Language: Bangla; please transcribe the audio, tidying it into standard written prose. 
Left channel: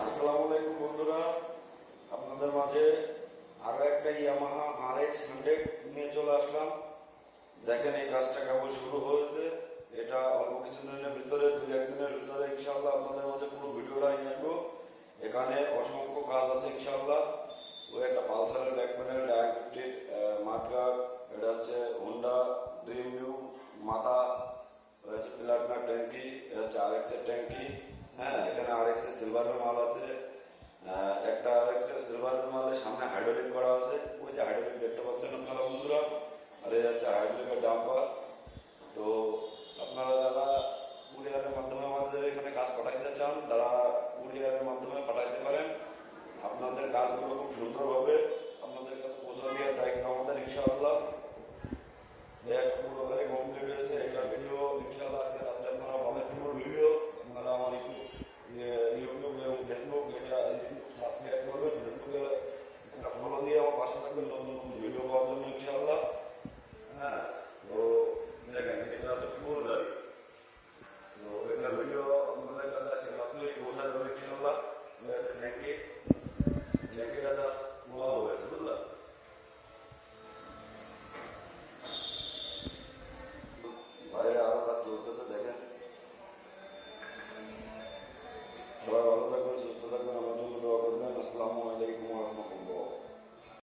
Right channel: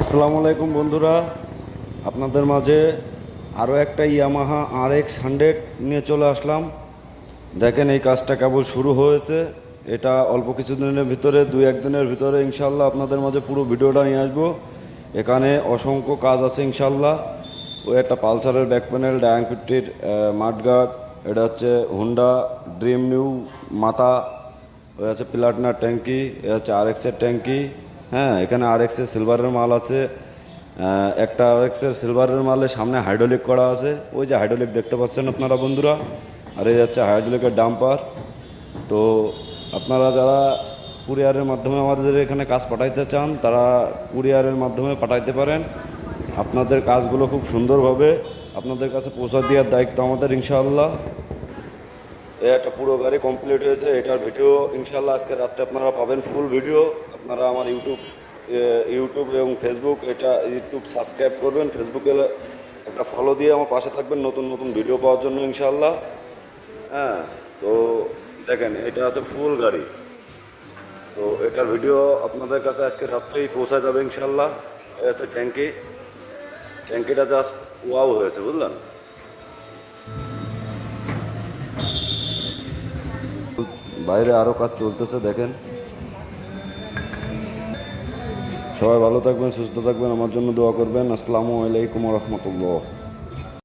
আসসালামু আলাইকুম বন্ধুরা, আপনাদের মাঝে আরও একটা ইয়ামাহা RX 100 নিয়ে চলে আসলাম। দেখেন, এই কাজটা কেবল শুরু হয়েছে। এটা অল্প কিছুদিনের ভিতরে, দুই একদিনের ভিতরে ইনশাল্লাহ আপনাদের মাঝে পুরো ভিডিওটা নিয়ে আসবো। এখানে অসংখ্য কাজ আছে ইনশাল্লাহ। ওই একটা পালসারের ব্যাক প্যানেল, ডায়াং 50-র মাডগার্ড, এটা হচ্ছে হুন্ডা ড্রিম নিউ মাথা, ওই আছে প্লাটিনার ট্যাঙ্কি, এ হচ্ছে RX-এর ট্যাঙ্কি। হ্যাঁ, এখানে RX-এর সিলভারের মাল আছে। একটা RX-এর সিলভারের মালের সামনে হাইড্রোলিক করা আছে, ওই যে হাইড্রোলিক দেখতে পাচ্ছেন আপনারা বন্ধুরা। আর এই হচ্ছে হাইড্রোলিকের ডাম্পার। তো আপনারা যারা কুরিয়ারের মাধ্যমে আমাদের এখানে কাজ পাঠাইতে চান, তারা কুরিয়ারের মাধ্যমে পাঠাইতে পারেন। আপনাদের কাজগুলো খুব সুন্দরভাবে আপনাদের কাছে পৌঁছা দেওয়ার দায়িত্ব আমাদের ইনশাআল্লাহ। এই একটা পুরো গাড়ি কমপ্লিট হয়েছে। এটার ভিডিও ইনশাল্লাহ আজকে রাত্রে আপনারা পাবেন, ফুল ভিডিও। আপনারা আমার ইউটিউব এবং ফেসবুক, ইউটিউব সাবস্ক্রাইব করবেন, ফেসবুকে একটা ফলো দিয়ে আমার পাশে থাকবেন নতুন নতুন ভিডিও পাওয়ার জন্য ইনশাল্লাহ। হ্যাঁ, তো দেখেন, এটা আছে ফুল গাড়ি। তো এটার ভিডিও আপনাদের কাছে আজকে রাত্রেই পৌঁছা যাবে ইনশাল্লাহ। এটা হচ্ছে ট্যাঙ্কি। ট্যাঙ্কিটা জাস্ট ওয়াও হয়েছে, বুঝলেন। বাইরে আরও কাজ চলতেছে, দেখেন। সবাই ভালো থাকবেন, সুস্থ থাকবেন, আমার জন্য দোয়া করবেন। আসসালামু আলাইকুম রহমতুল্লাহ।